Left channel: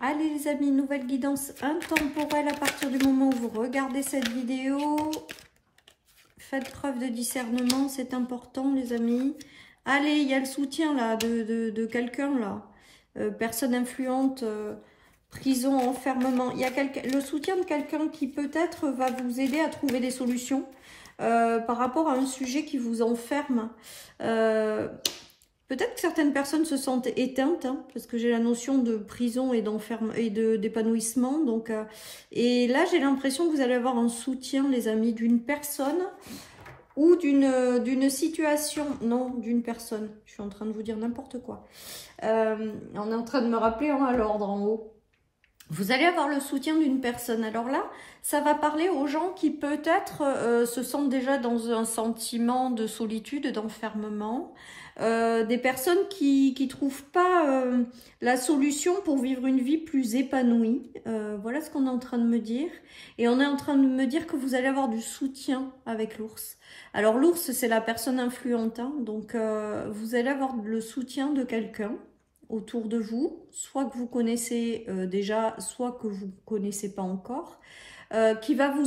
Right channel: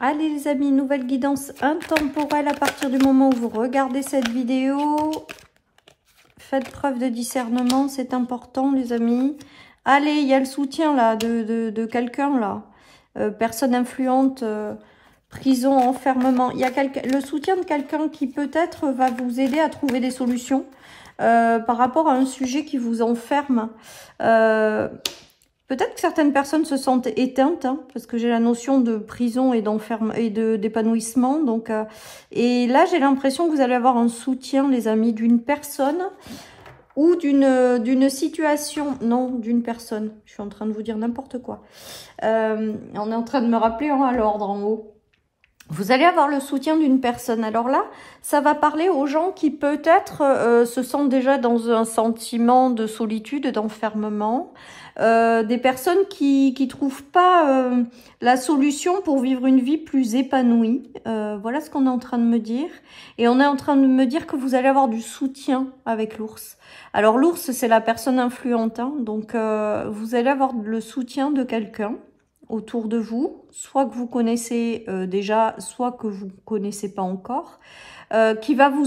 Allez les amis, nouvelle guidance intemporelle à partir du moment où vous regardez cette vidéo. Faites preuve de discernement, c'est important les amis. Allez, il y a le soutien là de quelqu'un là. Personne influente, prison, enfermement. Il y a le soutien de quelqu'un qui peut-être va vous aider à trouver des solutions par rapport à un sujet qui vous enferme. Peut-être que certaines personnes se sentent éteintes, hein, parce que j'ai la notion de prison et d'épanouissement. Donc, et là, j'ai l'impression que vous allez avoir un soutien, les amis, d'une personne ou d'une situation. Non, d'une personne. Je suis en train de vous dire n'importe quoi. On est en train de me rappeler à l'ordre en haut. Vous allez avoir le soutien d'une personne. Alors là, ça va parler aux gens qui peut-être se sentent déjà dans un sentiment de solitude, d'enfermement. Des personnes qui trouvent pas la solution pour vivre une vie plus épanouie. Voilà ce qu'on est en train de me dire. Et on est en train de me dire que vous allez avoir du soutien avec l'ours. Alors l'ours, c'est la personne influente. Hein, donc vous allez avoir le soutien de quelqu'un autour de vous, soit que vous connaissez déjà, soit que vous ne connaissez pas encore, qui va vous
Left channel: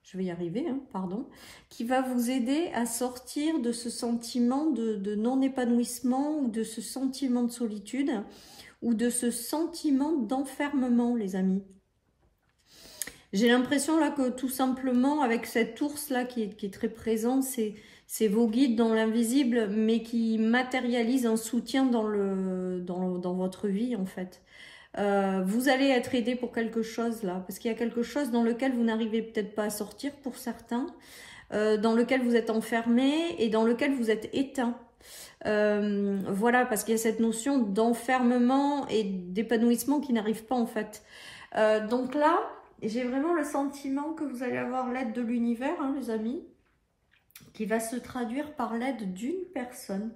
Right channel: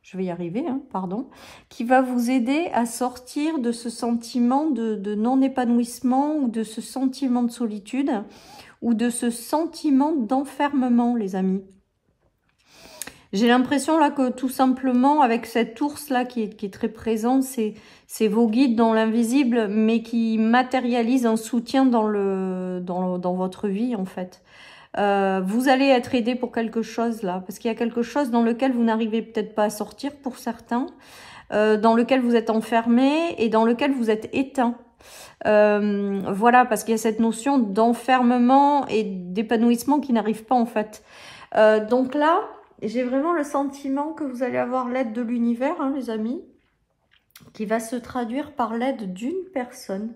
je vais y arriver, hein, pardon, qui va vous aider à sortir de ce sentiment de non-épanouissement ou de ce sentiment de solitude ou de ce sentiment d'enfermement, les amis. J'ai l'impression là que tout simplement, avec cet ours là qui est très présent, c'est vos guides dans l'invisible, mais qui matérialise un soutien dans votre vie en fait. Vous allez être aidé pour quelque chose là, parce qu'il y a quelque chose dans lequel vous n'arrivez peut-être pas à sortir pour certains, dans lequel vous êtes enfermé et dans lequel vous êtes éteint. Voilà, parce qu'il y a cette notion d'enfermement et d'épanouissement qui n'arrive pas en fait. Donc là, j'ai vraiment le sentiment que vous allez avoir l'aide de l'univers, hein, les amis, qui va se traduire par l'aide d'une personne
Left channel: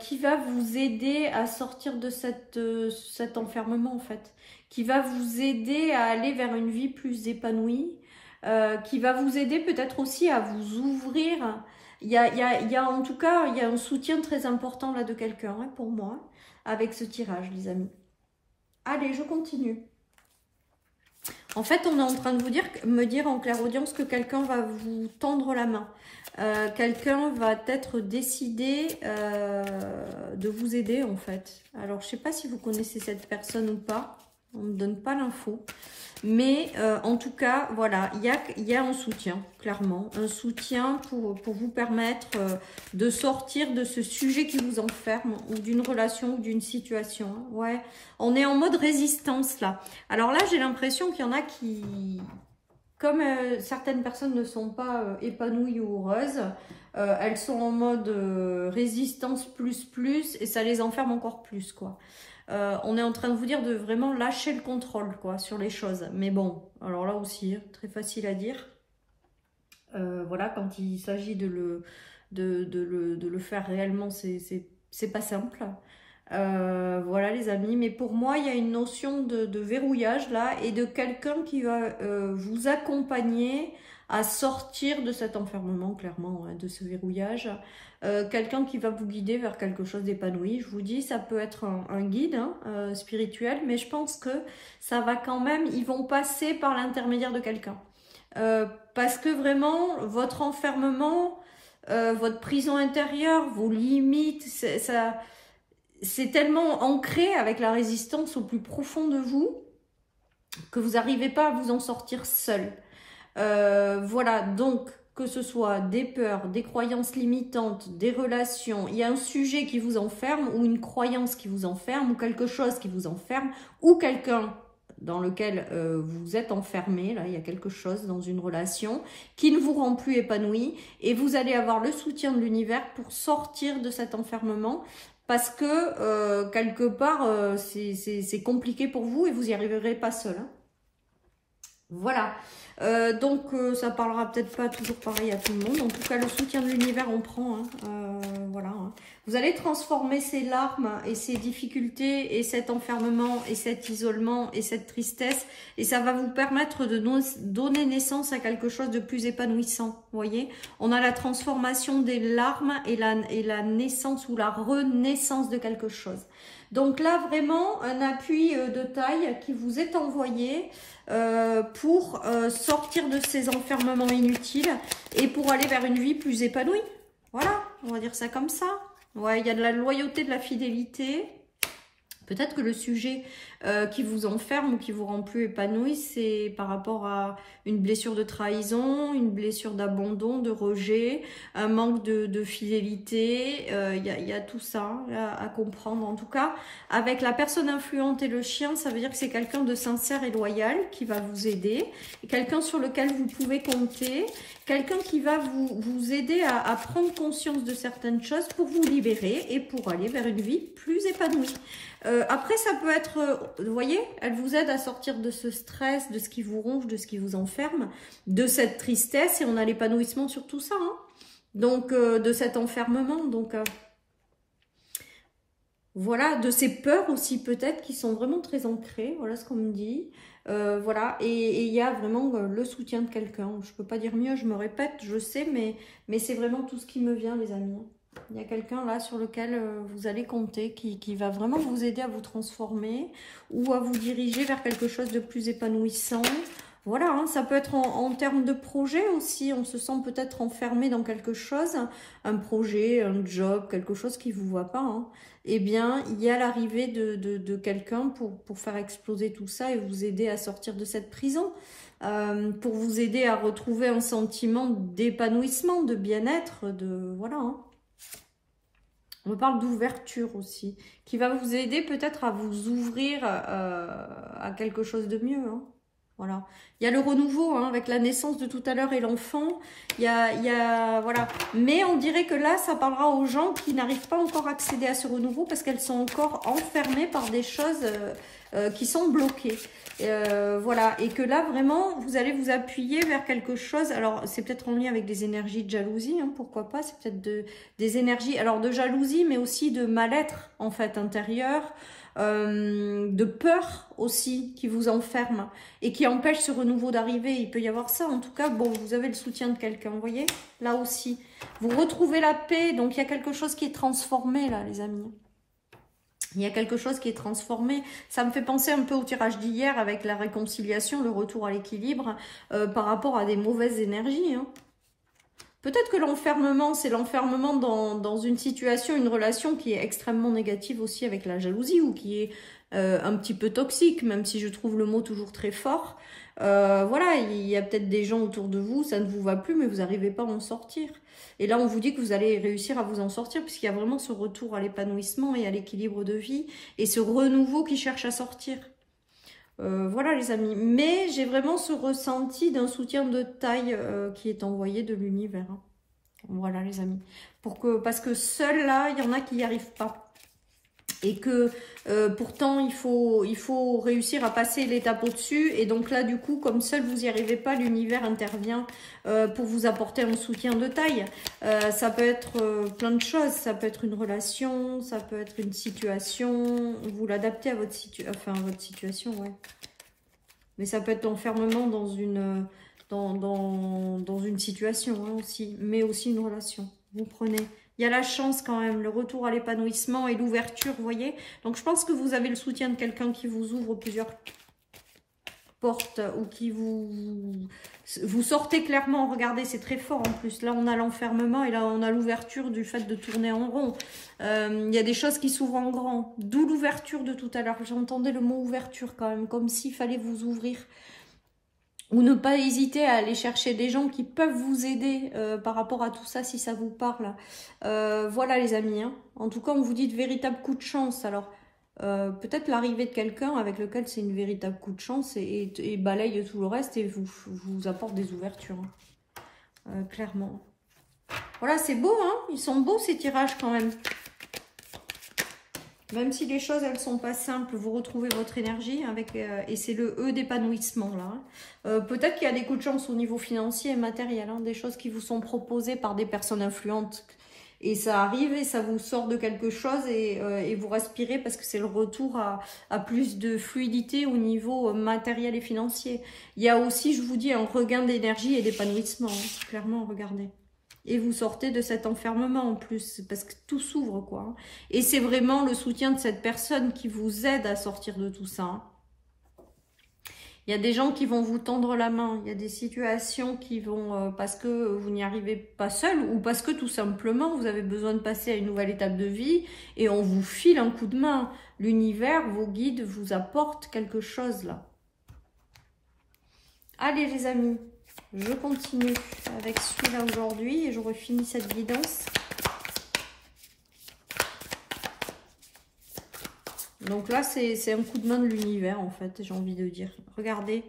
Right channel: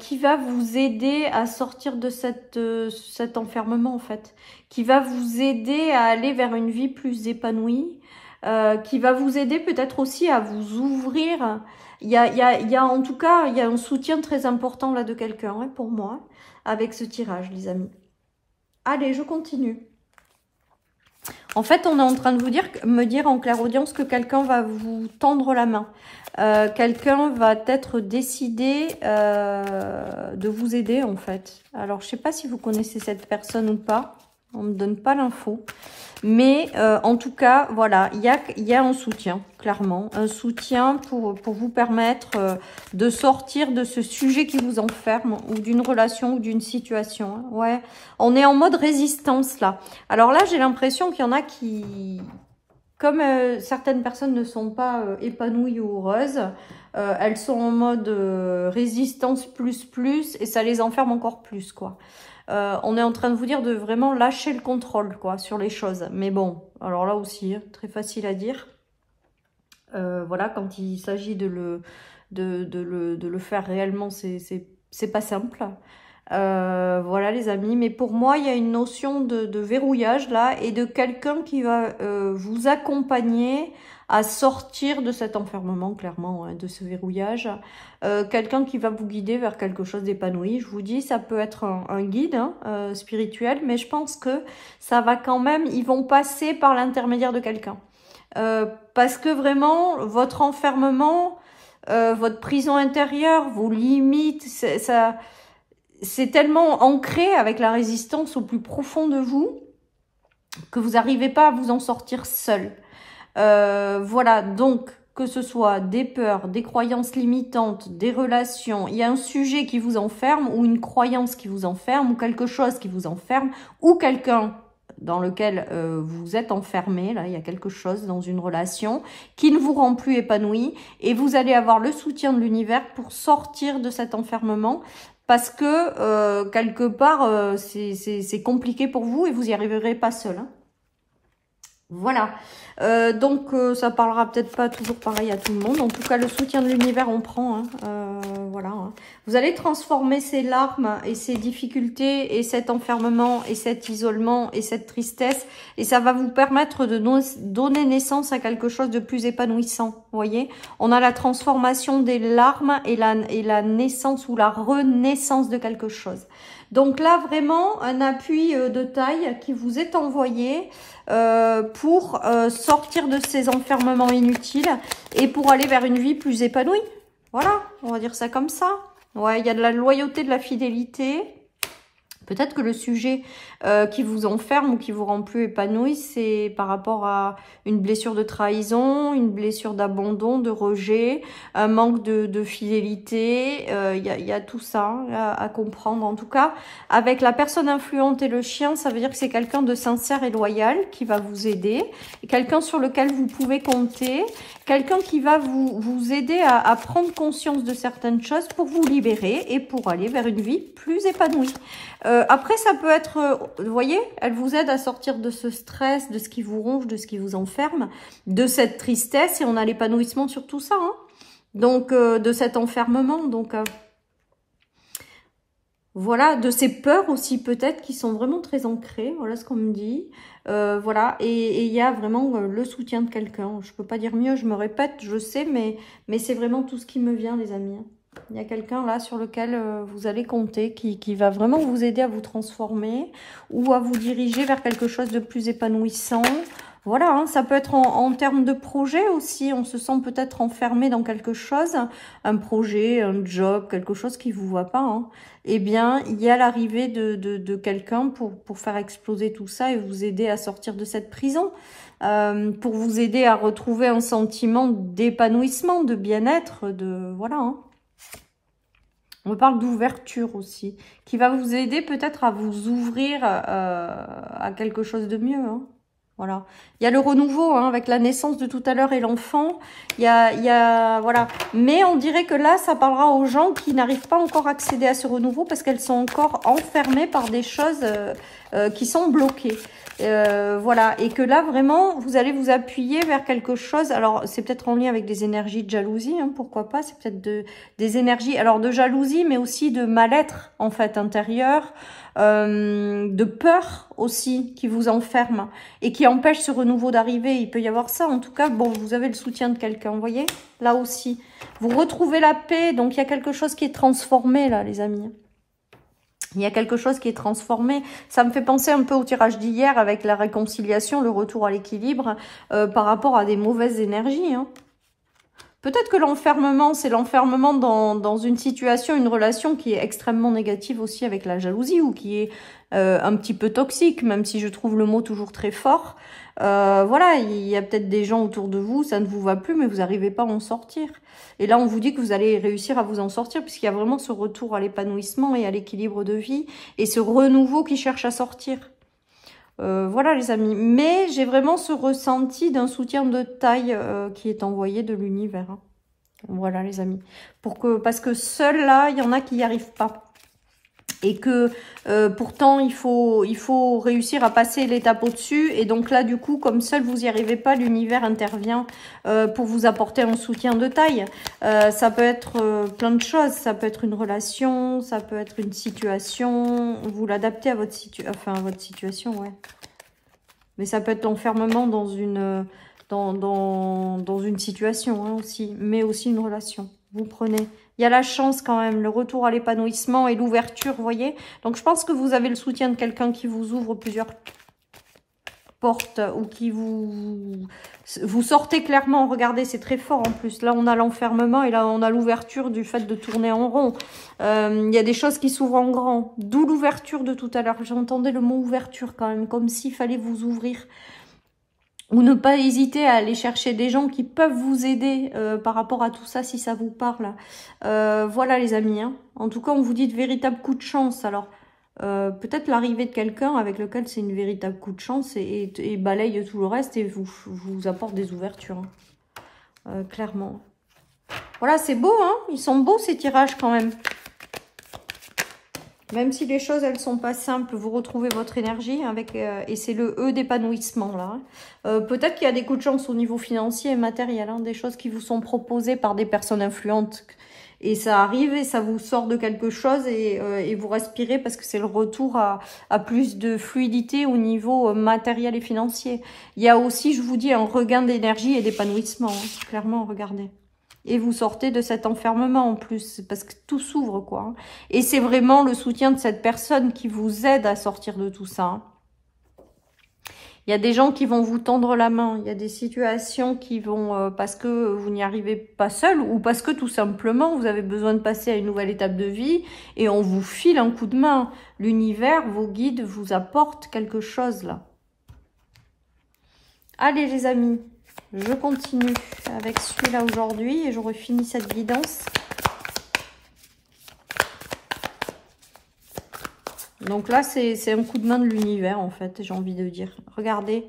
qui va vous aider à sortir de cet enfermement en fait, qui va vous aider à aller vers une vie plus épanouie, qui va vous aider peut-être aussi à vous ouvrir. Il y a en tout cas, il y a un soutien très important là de quelqu'un, hein, pour moi, avec ce tirage, les amis. Allez, je continue. En fait, on est en train de me dire en clairaudience que quelqu'un va vous tendre la main. Quelqu'un va être décidé de vous aider, en fait. Alors, je ne sais pas si vous connaissez cette personne ou pas. On ne me donne pas l'info. Mais en tout cas, voilà, il y a un soutien, clairement. Un soutien pour vous permettre de sortir de ce sujet qui vous enferme, ou d'une relation, ou d'une situation. Ouais, on est en mode résistance, là. Alors là, j'ai l'impression qu'il y en a qui... Comme certaines personnes ne sont pas épanouies ou heureuses, elles sont en mode résistance plus, et ça les enferme encore plus, quoi. On est en train de vous dire de vraiment lâcher le contrôle, quoi, sur les choses. Mais bon, alors là aussi, très facile à dire. Voilà, quand il s'agit de le faire réellement, c'est pas simple. Voilà les amis, mais pour moi il y a une notion de verrouillage là, et de quelqu'un qui va vous accompagner à sortir de cet enfermement, clairement, hein, de ce verrouillage. Quelqu'un qui va vous guider vers quelque chose d'épanoui. Je vous dis, ça peut être un guide, hein, spirituel, mais je pense que ça va quand même, ils vont passer par l'intermédiaire de quelqu'un. Parce que vraiment, votre enfermement, votre prison intérieure, vos limites, c'est tellement ancré avec la résistance au plus profond de vous que vous n'arrivez pas à vous en sortir seul. Voilà, donc que ce soit des peurs, des croyances limitantes, des relations, il y a un sujet qui vous enferme, ou une croyance qui vous enferme, ou quelque chose qui vous enferme, ou quelqu'un dans lequel vous êtes enfermé, là il y a quelque chose dans une relation qui ne vous rend plus épanoui, et vous allez avoir le soutien de l'univers pour sortir de cet enfermement, parce que quelque part c'est compliqué pour vous et vous n'y arriverez pas seul, hein. Voilà, donc ça parlera peut-être pas toujours pareil à tout le monde. En tout cas, le soutien de l'univers, on prend, hein, voilà, hein. Vous allez transformer ces larmes et ces difficultés et cet enfermement et cet isolement et cette tristesse, et ça va vous permettre de donner naissance à quelque chose de plus épanouissant. Vous voyez, on a la transformation des larmes et la naissance ou la renaissance de quelque chose. Donc là, vraiment, un appui de taille qui vous est envoyé pour sortir de ces enfermements inutiles et pour aller vers une vie plus épanouie. Voilà, on va dire ça comme ça. Ouais, il y a de la loyauté, de la fidélité. Peut-être que le sujet qui vous enferme ou qui vous rend plus épanoui, c'est par rapport à une blessure de trahison, une blessure d'abandon, de rejet, un manque de fidélité. Il y a tout ça à comprendre. En tout cas, avec la personne influente et le chien, ça veut dire que c'est quelqu'un de sincère et loyal qui va vous aider, quelqu'un sur lequel vous pouvez compter, quelqu'un qui va vous aider à prendre conscience de certaines choses pour vous libérer et pour aller vers une vie plus épanouie. Après, ça peut être, vous voyez, elle vous aide à sortir de ce stress, de ce qui vous ronge, de ce qui vous enferme, de cette tristesse, et on a l'épanouissement sur tout ça, hein. Donc, de cet enfermement, donc, voilà, de ces peurs aussi peut-être qui sont vraiment très ancrées, voilà ce qu'on me dit, voilà, et il y a vraiment le soutien de quelqu'un, je peux pas dire mieux, je me répète, je sais, mais c'est vraiment tout ce qui me vient, les amis. Il y a quelqu'un là sur lequel vous allez compter, qui va vraiment vous aider à vous transformer ou à vous diriger vers quelque chose de plus épanouissant. Voilà, hein, ça peut être en termes de projet aussi, on se sent peut-être enfermé dans quelque chose, un projet, un job, quelque chose qui ne vous va pas, hein. Eh bien, il y a l'arrivée de quelqu'un pour faire exploser tout ça et vous aider à sortir de cette prison. Pour vous aider à retrouver un sentiment d'épanouissement, de bien-être, voilà, hein. On parle d'ouverture aussi, qui va vous aider peut-être à vous ouvrir à quelque chose de mieux, hein. Voilà. Il y a le renouveau, hein, avec la naissance de tout à l'heure et l'enfant. Voilà. Mais on dirait que là, ça parlera aux gens qui n'arrivent pas encore à accéder à ce renouveau parce qu'elles sont encore enfermées par des choses qui sont bloquées. Voilà. Et que là, vraiment, vous allez vous appuyer vers quelque chose. Alors, c'est peut-être en lien avec des énergies de jalousie, hein, pourquoi pas. C'est peut-être des énergies, alors de jalousie, mais aussi de mal-être, en fait, intérieur. De peur aussi qui vous enferme et qui empêche ce renouveau d'arriver. Il peut y avoir ça. En tout cas, bon, vous avez le soutien de quelqu'un, vous voyez, là aussi. Vous retrouvez la paix, donc il y a quelque chose qui est transformé là, les amis. Il y a quelque chose qui est transformé. Ça me fait penser un peu au tirage d'hier avec la réconciliation, le retour à l'équilibre par rapport à des mauvaises énergies, hein. Peut-être que l'enfermement, c'est l'enfermement dans une situation, une relation qui est extrêmement négative aussi avec la jalousie ou qui est un petit peu toxique, même si je trouve le mot toujours très fort. Voilà, il y a peut-être des gens autour de vous, ça ne vous va plus, mais vous n'arrivez pas à en sortir. Et là, on vous dit que vous allez réussir à vous en sortir, puisqu'il y a vraiment ce retour à l'épanouissement et à l'équilibre de vie, et ce renouveau qui cherche à sortir. Voilà les amis, mais j'ai vraiment ce ressenti d'un soutien de taille qui est envoyé de l'univers, hein. Voilà les amis, parce que seul là, il y en a qui n'y arrivent pas. Et que pourtant, il faut réussir à passer l'étape au-dessus. Et donc là, du coup, comme seul vous n'y arrivez pas, l'univers intervient pour vous apporter un soutien de taille. Ça peut être plein de choses. Ça peut être une relation, ça peut être une situation. Vous l'adaptez à votre situation, ouais. Mais ça peut être l'enfermement dans une situation, hein, aussi. Mais aussi une relation. Vous prenez... Il y a la chance quand même, le retour à l'épanouissement et l'ouverture, vous voyez. Donc, je pense que vous avez le soutien de quelqu'un qui vous ouvre plusieurs portes ou qui vous sortez clairement. Regardez, c'est très fort en plus. Là, on a l'enfermement et là, on a l'ouverture du fait de tourner en rond. Il y a des choses qui s'ouvrent en grand. D'où l'ouverture de tout à l'heure. J'entendais le mot ouverture quand même, comme s'il fallait vous ouvrir. Ou ne pas hésiter à aller chercher des gens qui peuvent vous aider par rapport à tout ça, si ça vous parle. Voilà les amis, hein. En tout cas, on vous dit de véritables coups de chance. Alors, peut-être l'arrivée de quelqu'un avec lequel c'est une véritable coup de chance et balaye tout le reste et vous apporte des ouvertures, hein. Clairement. Voilà, c'est beau, hein. Ils sont beaux ces tirages quand même. Même si les choses, elles sont pas simples, vous retrouvez votre énergie avec et c'est le E d'épanouissement là. Peut-être qu'il y a des coups de chance au niveau financier et matériel, hein, des choses qui vous sont proposées par des personnes influentes. Et ça arrive et ça vous sort de quelque chose et vous respirez parce que c'est le retour à plus de fluidité au niveau matériel et financier. Il y a aussi, je vous dis, un regain d'énergie et d'épanouissement, hein, clairement, regardez. et vous sortez de cet enfermement en plus, parce que tout s'ouvre, quoi. Hein. Et c'est vraiment le soutien de cette personne qui vous aide à sortir de tout ça. Hein. Il y a des gens qui vont vous tendre la main, il y a des situations qui vont, parce que vous n'y arrivez pas seul, ou parce que tout simplement vous avez besoin de passer à une nouvelle étape de vie, et on vous file un coup de main. L'univers, vos guides vous apportent quelque chose là. Allez les amis, je continue avec celui-là aujourd'hui, et j'aurai fini cette guidance. Donc là, c'est un coup de main de l'univers, en fait, j'ai envie de dire. Regardez,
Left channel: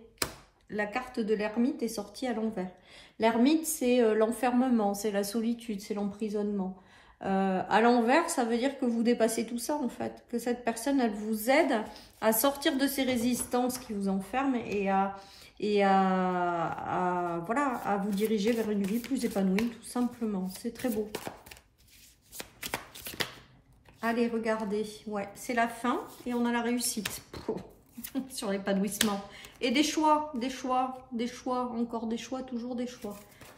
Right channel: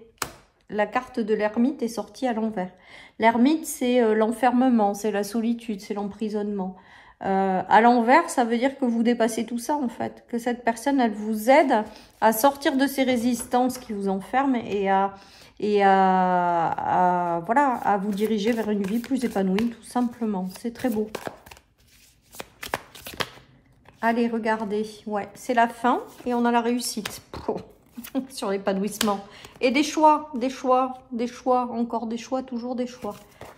la carte de l'ermite est sortie à l'envers. L'ermite, c'est l'enfermement, c'est la solitude, c'est l'emprisonnement. À l'envers, ça veut dire que vous dépassez tout ça, en fait. Que cette personne, elle vous aide à sortir de ces résistances qui vous enferment voilà, à vous diriger vers une vie plus épanouie, tout simplement. C'est très beau. Allez, regardez, ouais, c'est la fin et on a la réussite sur l'épanouissement. Et des choix, encore des choix, toujours des choix.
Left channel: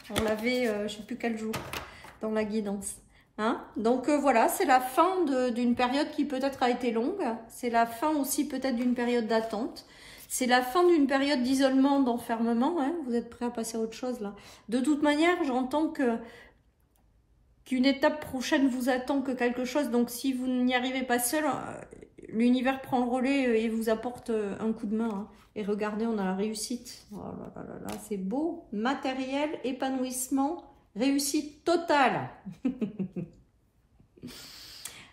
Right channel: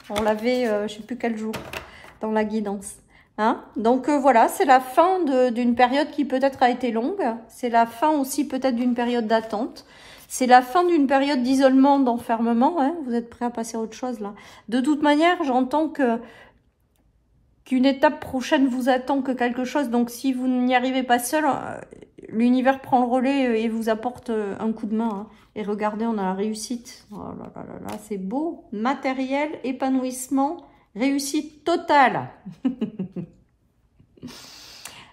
On l'avait, je sais plus quel jour, dans la guidance. Hein? Donc voilà, c'est la fin d'une période qui peut-être a été longue. C'est la fin aussi peut-être d'une période d'attente. C'est la fin d'une période d'isolement, d'enfermement. Hein? Vous êtes prêts à passer à autre chose là. De toute manière, j'entends qu'une étape prochaine vous attend, que quelque chose. Donc, si vous n'y arrivez pas seul, l'univers prend le relais et vous apporte un coup de main. Hein. Et regardez, on a la réussite. Oh là là là là, c'est beau. Matériel, épanouissement, réussite totale.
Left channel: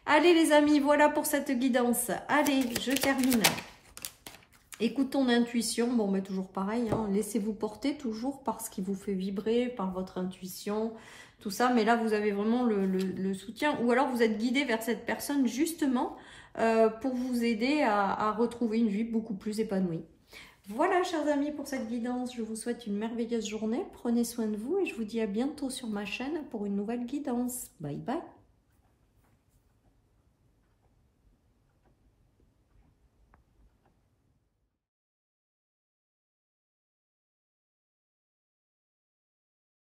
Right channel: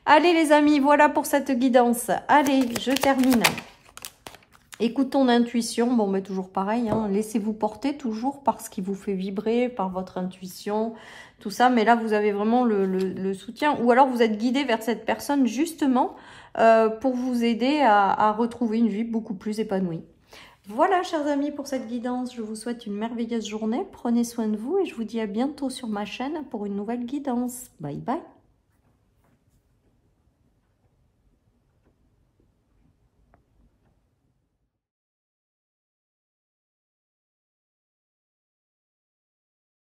Allez les amis, voilà pour cette guidance. Allez, je termine. Écoute ton intuition. Bon, mais toujours pareil. Hein. Laissez-vous porter toujours par ce qui vous fait vibrer, par votre intuition. Tout ça, mais là vous avez vraiment le soutien, ou alors vous êtes guidé vers cette personne justement pour vous aider à retrouver une vie beaucoup plus épanouie. Voilà chers amis pour cette guidance, je vous souhaite une merveilleuse journée, prenez soin de vous et je vous dis à bientôt sur ma chaîne pour une nouvelle guidance. Bye bye.